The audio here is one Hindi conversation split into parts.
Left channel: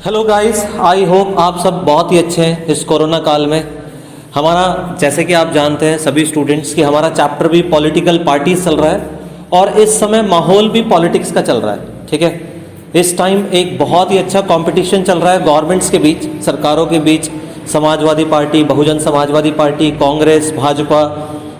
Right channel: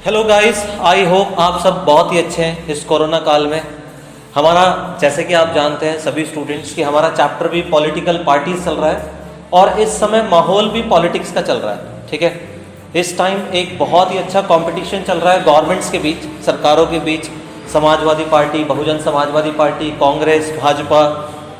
हेलो गाइस, आई होप आप सब बहुत ही अच्छे हैं इस कोरोना काल में। हमारा जैसे कि आप जानते हैं सभी स्टूडेंट्स कि हमारा चैप्टर भी पॉलिटिकल पार्टीज चल रहा है और इस समय माहौल भी पॉलिटिक्स का चल रहा है। ठीक है, इस टाइम एक बहुत ही अच्छा कंपटीशन चल रहा है गवर्नमेंट्स के बीच, सरकारों के बीच। समाजवादी पार्टी, बहुजन समाजवादी पार्टी, कांग्रेस, भाजपा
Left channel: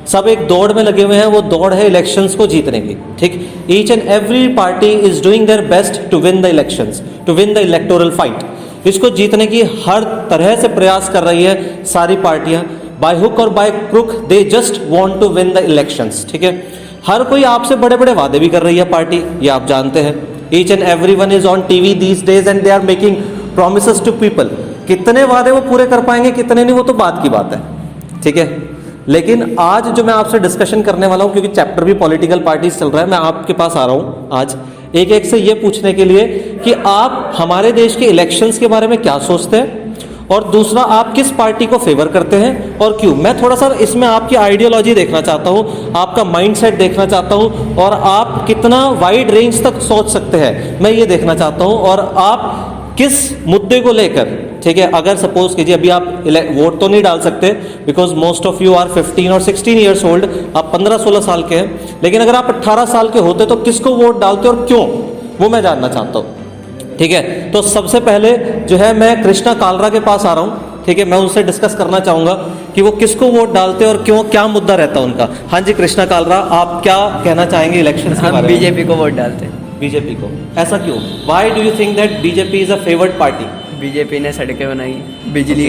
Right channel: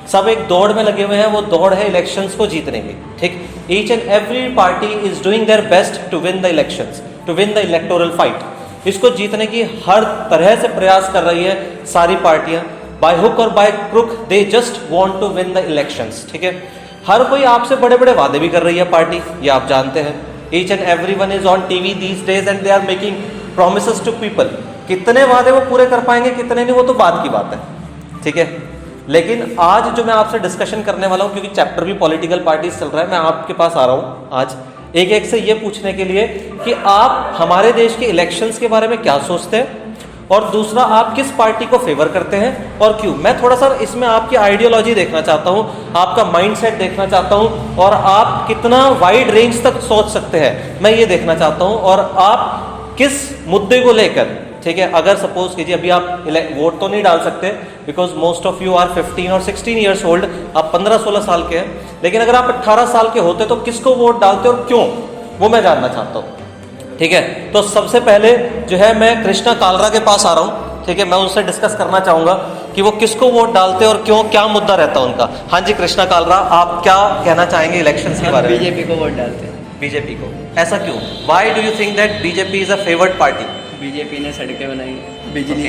सब एक दौड़ में लगे हुए हैं। वो दौड़ है इलेक्शंस को जीतने की। ठीक, each and every party is doing their best to win the elections, to win the electoral fight. इसको जीतने की हर तरह से प्रयास कर रही है सारी पार्टियां। बाय हुक और by crook they just want to win the elections. ठीक है, हर कोई आपसे बड़े बड़े वादे भी कर रही है पार्टी, ये आप जानते हैं। Each and every one is on TV these days and they are making promises to people. कितने वादे वो पूरे कर पाएंगे, कितने नहीं, वो तो बात की बात है। ठीक है, लेकिन आज जो मैं आपसे डिस्कशन करने वाला हूं, क्योंकि चैप्टर भी पॉलिटिकल पार्टीज चल रहा है, मैं आपके पास आ रहा हूं आज एक एक से ये पूछने के लिए कि आप हमारे देश के इलेक्शंस के बारे में क्या सोचते हैं, और दूसरा आप किस पार्टी को फेवर करते हैं और क्यों। मैं थोड़ा सा इसमें आपकी आइडियोलॉजी देखना चाहता हूं, आपका माइंडसेट देखना चाहता हूं, और आप कितना वाइड रेंज तक सोच सकते हैं मैं ये देखना चाहता हूं, और आप किस मुद्दे को लेकर। ठीक है, अगर सपोज कीजिए अभी आप वोट तो नहीं डाल सकते because most of you are 15 और 16 ईयर्स ओल्ड, आप 15-16 साल के हैं, लेकिन अगर आप 18 साल के होते तो किसको वोट डालते और क्यों, वो मैं जानना चाहता हूँ। ठीक है, तो सबसे पहले जो है मैं कृष्णा कालरा के पास आ रहा हूँ। ठीक है, मैं उनसे डिस्कस करना चाहूँगा कि वो किसको वोट डालते और क्यों, क्या मुद्दा रहता है उनका। हाँ जी कृष्णा कालरा, आप क्या कहना चाहेंगे इलेक्शन के बारे में? बीजेपी को वोट डालते हैं। बीजेपी को, ऐसा क्यों? Why do you think that BJP is a favoured party? BJP ने सड़कें बनाई, बिजली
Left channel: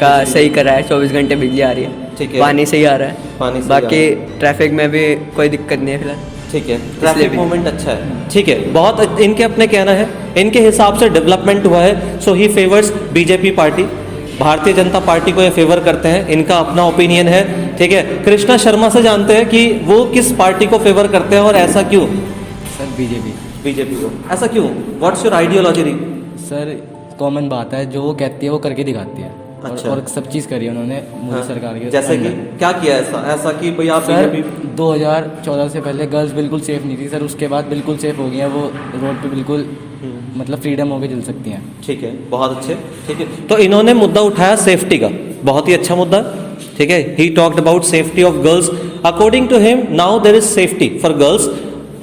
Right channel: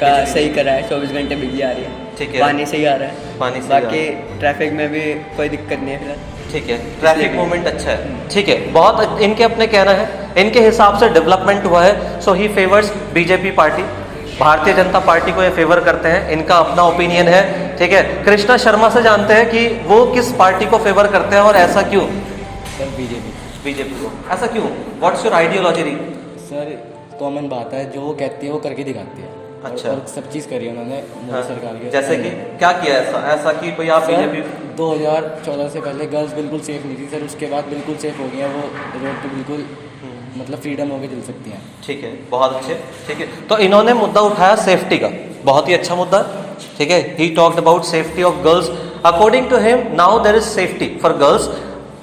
का सही करा है, 24 घंटे बिजली आ रही है। ठीक है, पानी सही आ रहा है, पानी सही बाकी ट्रैफिक में भी कोई दिक्कत नहीं है फिलहाल। ठीक है, ट्रैफिक मूवमेंट अच्छा है। ठीक है, बहुत इनके अपने कहना है, इनके हिसाब से डेवलपमेंट हुआ है, सो ही favours BJP party. Bharatiya Janata party को ये फेवर करते हैं, इनका अपना ओपिनियन है। ठीक है, कृष्णा शर्मा से जानते हैं कि वो किस पार्टी को फेवर करते हैं और ऐसा क्यों? सर बीजेपी को, ऐसा क्यों? What's your ideology? Sir common बात है, जो वो कहती है वो करके दिखाती है। अच्छा। और सब चीज़ करी है उन्होंने मोदी सरकार की। जैसे कि क्या किया ऐसा कि भाई आप बीजेपी? 2014 से पहले गर्ल्स बिल्कुल सेफ नहीं थी सर, उसके बाद बिल्कुल सेफ हो गई हैं, वो रोड पे बिल्कुल मतलब फ्रीडम होकर चल सकती हैं। ठीक है, बहुत अच्छे। ठीक है, तो इन्होंने मुद्दा उठाया सेफ्टी का, बहुत ही अच्छा मुद्दा। ठीक है, he talked about safety of girls. According to him now there is safety for girls.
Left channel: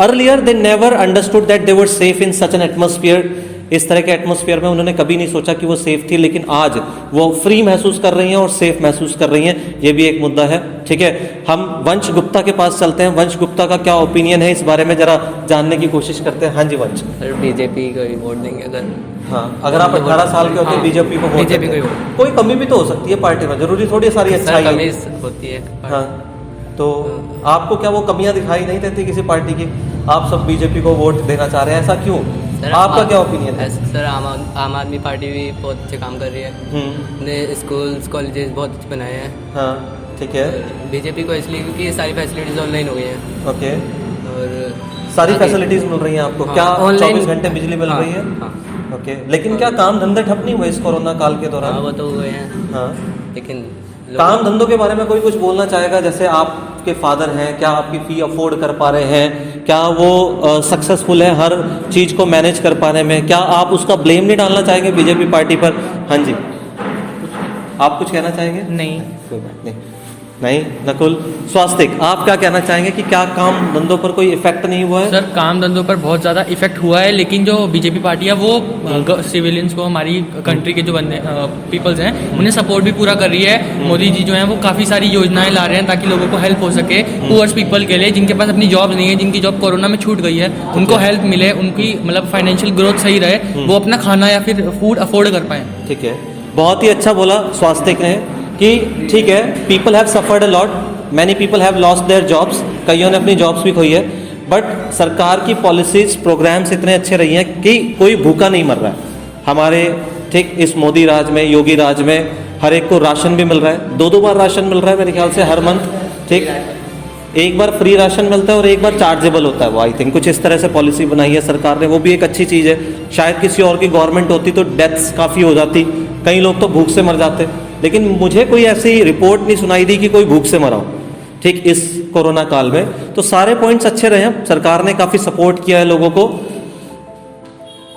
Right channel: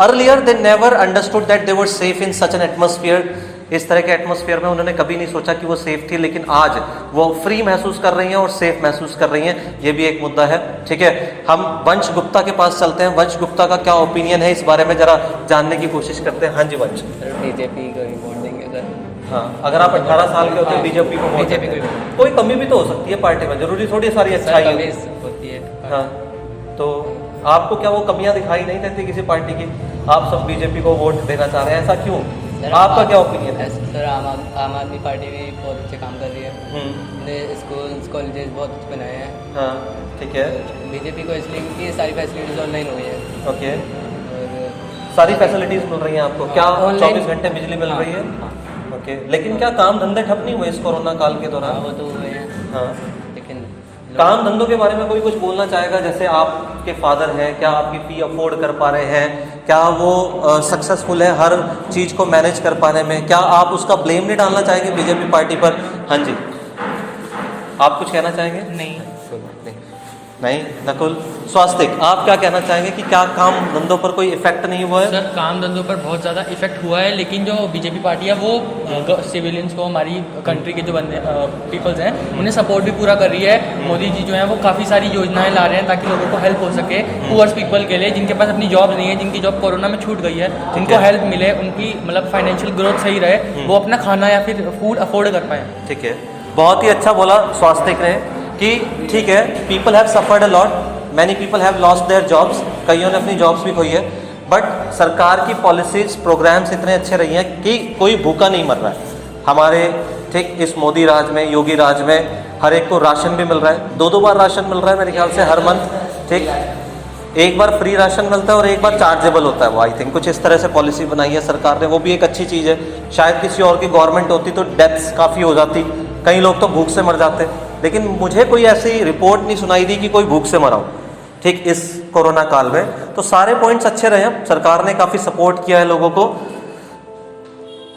Earlier they never understood that they were safe in such an atmosphere. इस तरह के एटमॉस्फेयर में उन्होंने कभी नहीं सोचा कि वो सेफ थी, लेकिन आज वो फ्री महसूस कर रही हैं और सेफ महसूस कर रही हैं। ये भी एक मुद्दा है। ठीक है, हम वंश गुप्ता के पास चलते हैं। वंश गुप्ता का क्या ओपिनियन है इस बारे में, जरा जानने की कोशिश करते हैं। हाँ जी वंश। सर बीजेपी को ही वोट देंगे अगर। हाँ, अगर आप 18 साल के होते बीजेपी को वोट देते हैं। कोई कमी भी तो हो सकती है पार्टी में, जरूरी थोड़ी सारी अच्छाई होती है। हाँ, तो आपको क्या वो कमियां दिखाई नहीं देती किसी पार्टी की? आप सब बीजेपी को वोट देना चाह रहे हैं, ऐसा क्यों? आपका क्या ओपिनियन है? सर आम आदमी पार्टी भी बहुत अच्छे काम कर रही है, ने स्कूल्स कॉलेजेस बहुत अच्छे बनाए हैं। हाँ, ठीक है। बीजेपी को इसलिए क्योंकि ये सारी फैसिलिटीज ऑनलाइन हो गई हैं। ओके, और सारी फैसिलिटीज मिल रही हैं आपको? क्या ऑनलाइन 24 घंटे बिजली मिल रही है? हाँ। ओके, लेकिन क्या काम धंधे ठप नहीं हुए इस कोरोना काल के दौरान? वो तो हुए हैं। हाँ, लेकिन काम धंधों के बारे में कोई कुछ बोलना चाहेगा? जैसे आपके फादर हैं, क्या आपकी फ़ी अफोर्ड कर पा रहे हैं? क्या वो सक्सेसफुल है हर चीज़ को मैनेज कर पाने में? क्या आप उसका ब्लेम नहीं डालना चाहेंगे बीजेपी पार्टी पर? हाँ जी, आप कुछ कहना चाहेंगे? नहीं, कोई बात नहीं। नहीं, नकुल स्वास्तिक, आप क्या कहना चाहेंगे कि क्या काम धंधों पर कोई इफेक्ट नहीं हुआ है? सर काम धंधों पर बहुत ज़्यादा इफेक्ट हुआ है, लेकिन जो बीजेपी पार्टी है वो सिविलियंस को, हमारी कंट्री के जो बंदे पीपल्स हैं, उन्हें सपोर्ट भी पूरा कर रही है। मोदी जी जो हैं वो काफ़ी सारी योजनाएं ला रहे हैं ताकि लोगों को हेल्प हो सके। पुअर्स पीपल के लिए, जिनके पास अपनी जॉब नहीं है, जिनकी जॉब कोरोना में छूट गई है, उनको हेल्प मिले, उनकी मतलब फाइनेंशियल ग्रोथ सही रहे, वो अपना खाना या फिर फूड अफोर्ड कर पाएँ। ठीक है, बहुत ही अच्छा बोला स्वास्तिक ने कि ठीक है, people have suffered a lot, many people have lost their jobs, कईयों ने अपनी जॉब्स भी खोई है, बट सरकार की पॉलिसीज प्रोग्राम्स इतने अच्छे रही हैं कि कोई भूखा नहीं मर रहा है हमारे। ठीक, इस मोदी राज में, योगी राज में हर एक को राशन भी मिल रहा है, 2-2 बार राशन मिल रहा है मेरे ख्याल से हर मंथ। ठीक, एक बार फ्री राशन मिलता है और एक बार चार्जेबल होता है वो, आई थिंक कुछ इस तरह से पॉलिसी बनाई है सरकार ने, वो भी एक अच्छी चीज़ है। शायद किसी और की गवर्नमेंट होती तो डेथ्स काफ़ी हो जाती, कई लोग तो भूख से मर जाते, लेकिन मुझे कोई ऐसी रिपोर्ट नहीं सुनाई दी कि कोई भूख से मरा हो। ठीक, इस कोरोना काल में तो सारे पॉइंट्स अच्छे रहे हैं, सरकार ने काफ़ी सपोर्ट किया है लोगों को।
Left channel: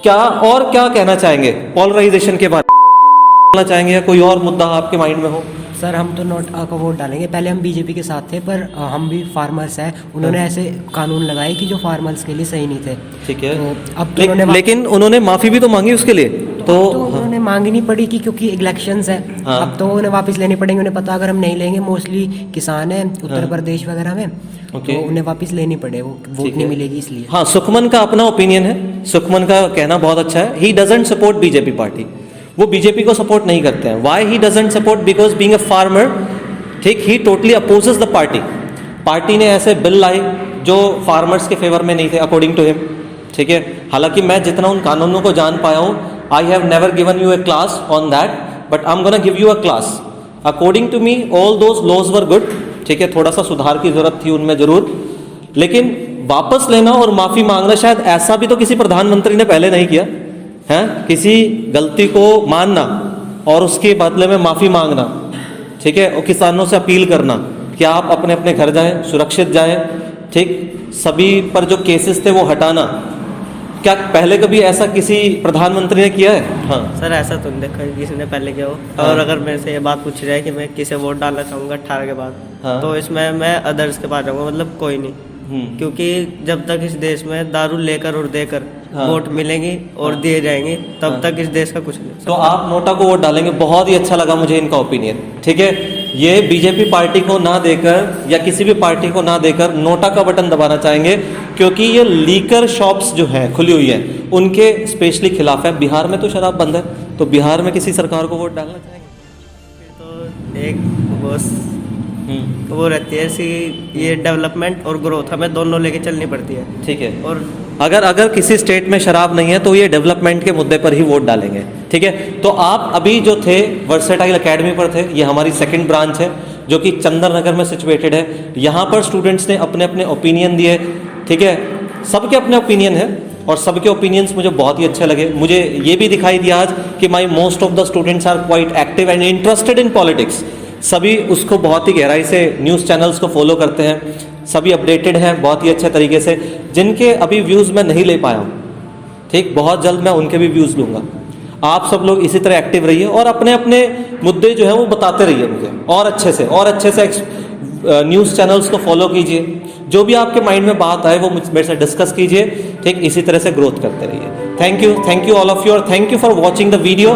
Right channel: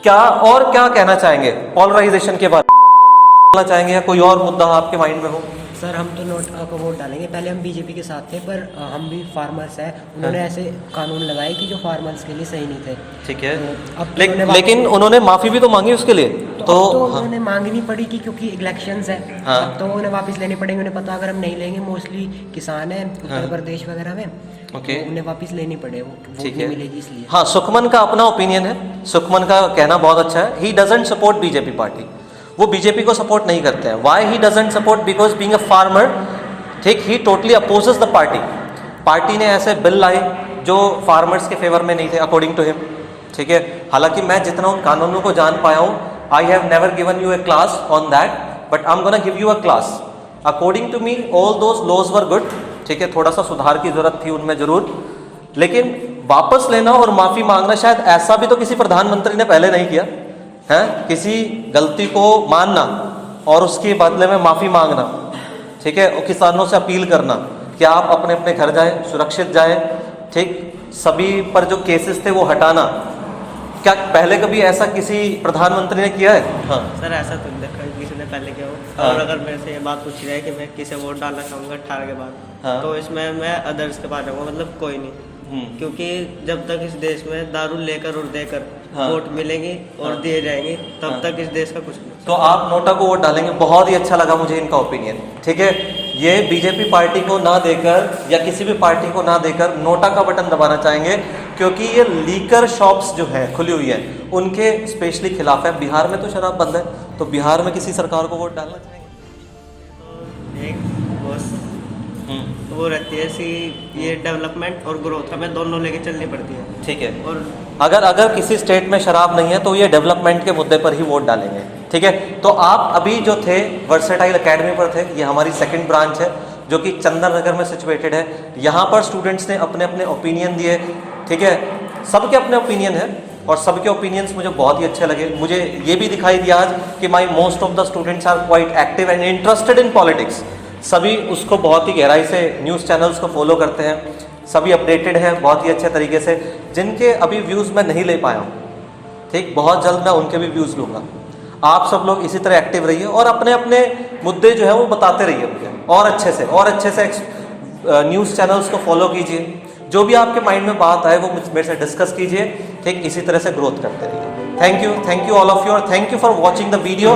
और क्या कहना चाहेंगे पोलराइजेशन के बारे में चाहेंगे, या कोई और मुद्दा आपके माइंड में हो? सर हम तो नोटा को वोट डालेंगे। पहले हम बीजेपी के साथ थे, पर हम भी फार्मर्स हैं। उन्होंने ऐसे कानून लगाए कि जो फार्मर्स के लिए सही नहीं थे। ठीक है, तो अब तो लेकिन उन्होंने माफी भी तो मांगी उसके लिए, तो उन्होंने मांगनी पड़ी कि क्योंकि इलेक्शंस है। हाँ। अब तो उन्हें वापस लेनी पड़ेंगे। उन्हें पता अगर हम नहीं लेंगे, मोस्टली किसान हैं उत्तर प्रदेश वगैरह में, तो उन्हें वापस लेनी पड़े, वो वोट नहीं मिलेगी इसलिए। हाँ, सुखमन का अपना ओपिनियन है, सुखमन का कहना बहुत अच्छा है। He doesn't support BJP party, वो बीजेपी को सपोर्ट नहीं करते हैं। Why he doesn't support? Because being a farmer, ठीक, he totally opposes the party. Party ने ऐसे बिल लाए जो फार्मर्स के फेवर में नहीं थे अकॉर्डिंग टू हिम, ठीक है। हालांकि मैं जितना उन कानूनों को जान पाया हूँ, I have never given you a class on that, but I am gonna give you a class. According to me all those laws were good, ठीक है। थोड़ा सा सुधार की जरूरत थी उनमें जरूर, लेकिन वापस लेना और माफी मांगना, शायद ऐसा भी तो किसी प्रधानमंत्री ने पहले नहीं किया है। किसी गलती को मानना और उसके बदले में माफी मांगना, ठीक है, और किसानों से अपील करना कि आप अपने अपने घर जाएं, सुरक्षित जाएं, ठीक। सभी पर जो केसेस थे वो हटाना, क्या पहले कभी ऐसा किसी प्रधानमंत्री ने किया है? हाँ सर, ऐसा तो नहीं देखा किसी ने पहले किया हो। हाँ। और अगर मेरे से ये बात पूछी जाए कि मैं किसे वोट डालना चाहूँगा 18 के बाद, हाँ। तो इसमें मैं अदर्स के पास जाऊँगा, मतलब कोई नहीं। क्योंकि जब तक इस देश में दारू लेकर और देकर हाँ। वोट मिलेंगी और हाँ। दिए जाएंगे, तब हाँ। तक इस देश का कुछ नहीं। तो आप नोटा को वोट डालेंगे। बहुत ही अच्छा लगा मुझे इनका ओपिनियन, ठीक है। ये बीजेपी पार्टी को ना देकर या किसी भी पार्टी को ना देकर नोटा का बटन दबाना चाहेंगे, क्योंकि ये लीकर शॉप्स जो हैं खुली हुई हैं उनके स्पेशली खिलाफ है। बिहार में तो शराब बंद है, तो बिहार में किसी सरकार को वोट डालना चाहेंगे? तो एक वो रहती है ऐसी, ये डेवलपमेंट और ग्रोथ हमें दोनों लेके चलनी पड़ती है, ठीक है। और अगर किसी स्टेट में शराब नहीं है तो ये डेवलपमेंट के मुद्दे पर ही वोट डालेंगे, ठीक है। तो आप अभी जो थे वर्सेटाइल एकेडमी पर थे, ये हमारी सेकंड ब्रांच है जो कि चंदन नगर में सिचुएटेड है। यहाँ पर स्टूडेंट्स ने अपने अपने ओपिनियन दिए, ठीक है। सबके अपने ओपिनियन है और सबके ओपिनियंस मुझे बहुत ही अच्छे लगे। मुझे ये भी दिखाई दिया आज कि my most of the students are quite active and interested in politics. सभी उसको बहुत ही गहराई से न्यूज़ चैनल्स को फॉलो करते हैं, सभी अपडेटेड हैं बहुत ही अच्छे तरीके से। जिनके अभी व्यूज़ मैं नहीं ले पाया, ठीक, बहुत जल्द मैं उनके भी व्यूज़ लूँगा। आप सब लोग इसी तरह एक्टिव रहिए और अपने अपने मुद्दे जो है वो बताते रहिए मुझे, और अच्छे से न्यूज़ चैनल्स को फॉलो कीजिए। जो भी आपके माइंड में बात आए वो मेरे से डिस्कस कीजिए, ठीक। इसी तरह से ग्रोथ करते रहिए। Thank you all of you, और thank you for watching the video.